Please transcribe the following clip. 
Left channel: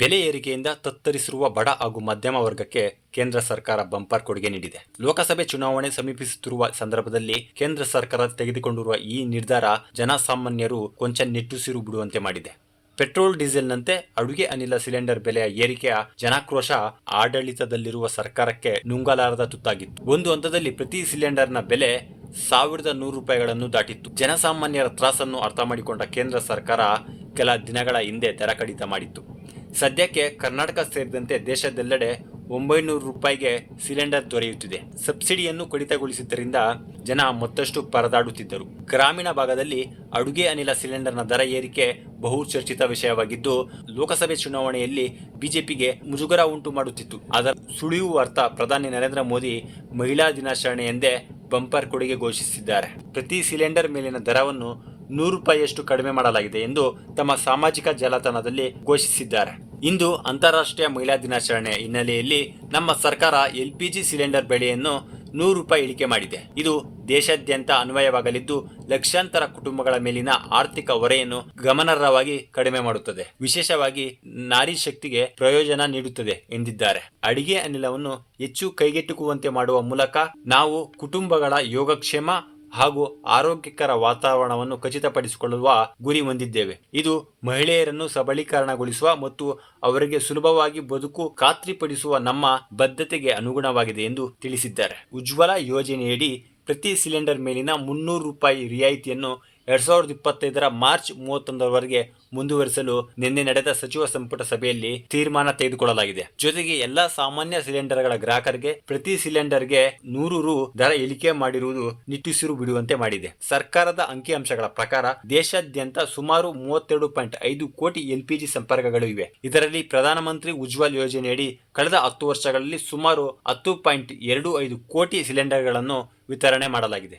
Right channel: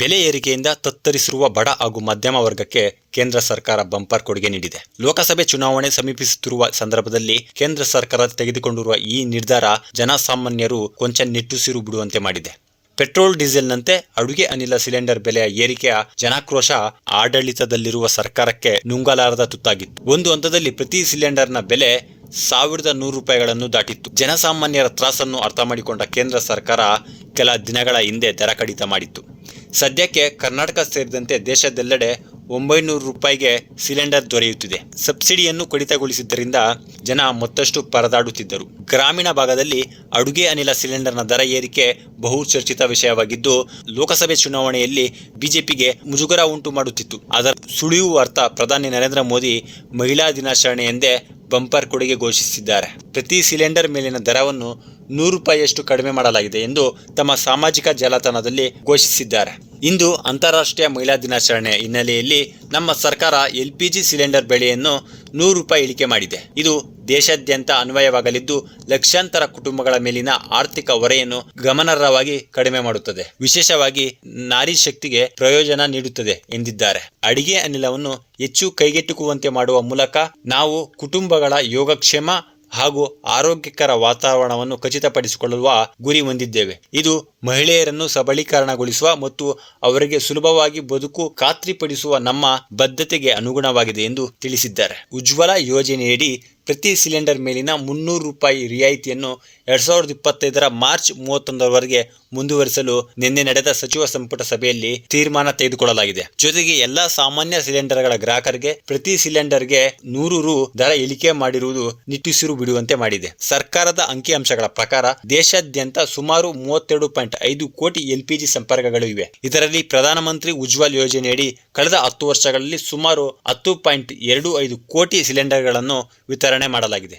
ಬೆಲೆ ಏರಿಕೆಯಿಂದ ತತ್ತರಿಸಿರುವ ಬಡ ಹಾಗೂ ಮಧ್ಯಮ ವರ್ಗಕ್ಕೆ ಕೇಂದ್ರ ಸರ್ಕಾರ ಬಂಪರ್ ಕೊಡುಗೆ ನೀಡಿದೆ. ಲೋಕಸಭೆ ಚುನಾವಣೆ ಸಮೀಪಿಸುತ್ತಿರುವ ಸಂದರ್ಭದಲ್ಲಿ ಕೇಂದ್ರ ಸರ್ಕಾರ ತೆಗೆದುಕೊಂಡಿರುವ ಈ ನಿರ್ಧಾರ ಜನಸಾಮಾನ್ಯರು ಕೊಂಚ ನಿಟ್ಟುಸಿರು ಬಿಡುವಂತೆ ಮಾಡಿದೆ. ಪೆಟ್ರೋಲ್ ಡೀಸೆಲ್ನಂತೆ ಅಡುಗೆ ಅನಿಲ ಸಿಲಿಂಡರ್ ಬೆಲೆಯ ಏರಿಕೆಯ ಜನಾಕ್ರೋಶ ಆಡಳಿತದಲ್ಲಿರುವ ಸರ್ಕಾರಕ್ಕೆ ನುಂಗಲಾರದ ತುತ್ತಾಗಿತ್ತು. ಒಂದು ಹಂತದಲ್ಲಿ ಪ್ರತಿ ಸಿಲಿಂಡರ್ನ ಬೆಲೆ 1100 ರೂಪಾಯಿಗಳನ್ನು ದಾಟಿತ್ತು. ಜನಸಾಮಾನ್ಯರ ತ್ರಾಸನ್ನು ಅರ್ಥ ಮಾಡಿಕೊಂಡ ಕೇಂದ್ರ ಸರ್ಕಾರ ಕೆಲ ದಿನಗಳ ಹಿಂದೆ ದರ ಕಡಿತ ಮಾಡಿತ್ತು. ಸದ್ಯಕ್ಕೆ ಕರ್ನಾಟಕ ಸೇರಿದಂತೆ ದೇಶದೆಲ್ಲೆಡೆ 900 ರೂಪಾಯಿಗೆ ಸಿಲಿಂಡರ್ ದೊರೆಯುತ್ತಿದೆ. ಸಬ್ಸಿಡಿಯನ್ನು ಕಡಿತಗೊಳಿಸಿದ್ದರಿಂದ ಜನ ಮತ್ತಷ್ಟು ಪರದಾಡುತ್ತಿದ್ದರು. ಗ್ರಾಮೀಣ ಭಾಗದಲ್ಲಿ ಅಡುಗೆ ಅನಿಲ ಸಿಲಿಂಡರ್ನ ದರ ಏರಿಕೆ ಬಹು ಚರ್ಚಿತ ವಿಷಯವಾಗಿದ್ದು, ಲೋಕಸಭೆ ಚುನಾವಣೆಯಲ್ಲಿ ಬಿಜೆಪಿಗೆ ಮುಜುಗರ ಉಂಟು ಮಾಡುತ್ತಿತ್ತು. ಅದರ ಸುಳಿವು ಅರ್ಥ ಪ್ರಧಾನಿ ನರೇಂದ್ರ ಮೋದಿ ಮಹಿಳಾ ದಿನಾಚರಣೆ ಎಂದೇ ಬಂಪರ್ ಕೊಡುಗೆ ಘೋಷಿಸಿದ್ದಾರೆ. ಪ್ರತಿ ಸಿಲಿಂಡರ್ ಮೇಲಿನ ದರವನ್ನು 100 ರೂಪಾಯಿಯಷ್ಟು ಕಡಿಮೆ ಮಾಡಲಾಗಿದೆ ಎಂದು ತಮ್ಮ ಸಾಮಾಜಿಕ ಜಾಲತಾಣದಲ್ಲಿ ಘೋಷಿಸಿದ್ದಾರೆ. ಇಂದು ಅಂತಾರಾಷ್ಟ್ರೀಯ ಮಹಿಳಾ ದಿನಾಚರಣೆ ಹಿನ್ನೆಲೆಯಲ್ಲಿ ನಮ್ಮ ಸರ್ಕಾರ LPG ಸಿಲಿಂಡರ್ ಬೆಲೆಯನ್ನು 100 ರೂಪಾಯಿ ಇಳಿಕೆ ಮಾಡಿದೆ. ಇದು ದೇಶಾದ್ಯಂತ ಅನ್ವಯವಾಗಲಿದ್ದು, ಲಕ್ಷಾಂತರ ಕುಟುಂಬಗಳ ಮೇಲಿನ ಆರ್ಥಿಕ ಹೊರೆಯನ್ನು ಗಮನಾರ್ಹವಾಗಿ ಕಡಿಮೆ ಮಾಡುತ್ತದೆ. ವಿಶೇಷವಾಗಿ ನಾರಿ ಶಕ್ತಿಗೆ ಪ್ರಯೋಜನ ನೀಡುತ್ತದೆ ಎಂದಿದ್ದಾರೆ. ಅಡಿಗೆ ಅನಿಲವನ್ನು ಹೆಚ್ಚು ಕೈಗೆಟುಕುವಂತೆ ಮಾಡುವ ಮೂಲಕ ನಾವು ಕುಟುಂಬಗಳ ಯೋಗಕ್ಷೇಮ ಹಾಗೂ ಆರೋಗ್ಯಕರ ವಾತಾವರಣವನ್ನು ಖಚಿತಪಡಿಸಿಕೊಳ್ಳುವ ಗುರಿ ಹೊಂದಿದ್ದೇವೆ. ಇದು ಮಹಿಳೆಯರನ್ನು ಸಬಲೀಕರಣಗೊಳಿಸುವ ಮತ್ತು ಅವರಿಗೆ ಸುಲಭವಾಗಿ ಬದುಕು ಖಾತ್ರಿಪಡಿಸುವ ನಮ್ಮ ಬದ್ಧತೆಗೆ ಅನುಗುಣವಾಗಿದೆ ಎಂದು ತಿಳಿಸಿದ್ದಾರೆ. ಉಜ್ವಲ ಯೋಜನೆಯಡಿ ಪ್ರತಿ ಸಿಲಿಂಡರ್ ಮೇಲಿನ 300 ರೂಪಾಯಿ ರಿಯಾಯಿತಿಯನ್ನು 2025ರ ಮಾರ್ಚ್ 31ರವರೆಗೆ ಮುಂದುವರಿಸಲು ನಿನ್ನೆ ನಡೆದ ಸಚಿವ ಸಂಪುಟ ಸಭೆಯಲ್ಲಿ ತೀರ್ಮಾನ ತೆಗೆದುಕೊಳ್ಳಲಾಗಿದೆ. ಜೊತೆಗೆ ಎಲ್ಲಾ ಸಾಮಾನ್ಯ ಸಿಲಿಂಡರ್ಗಳ ಗ್ರಾಹಕರಿಗೆ ಪ್ರತಿ ಸಿಲಿಂಡರ್ಗೆ 100 ರು ದರ ಇಳಿಕೆ ಮಾಡಿರುವುದು ನಿಟ್ಟುಸಿರು ಬಿಡುವಂತೆ ಮಾಡಿದೆ. ಸರ್ಕಾರದ ಅಂಕಿಅಂಶಗಳ ಪ್ರಕಾರ ದೇಶಾದ್ಯಂತ ಸುಮಾರು 32.5 ಕೋಟಿ LPG ಸಂಪರ್ಕಗಳು ಇವೆ. ಇದರಲ್ಲಿ ಪ್ರಧಾನಮಂತ್ರಿ ಉಜ್ವಲ್ ಯೋಜನೆಯಡಿ ಕಳೆದ 10 ವರ್ಷಗಳಲ್ಲಿ ಸುಮಾರು 10.25 ಕೋಟಿ ಸಿಲಿಂಡರ್ಗಳನ್ನು ವಿತರಣೆ ಮಾಡಲಾಗಿದೆ.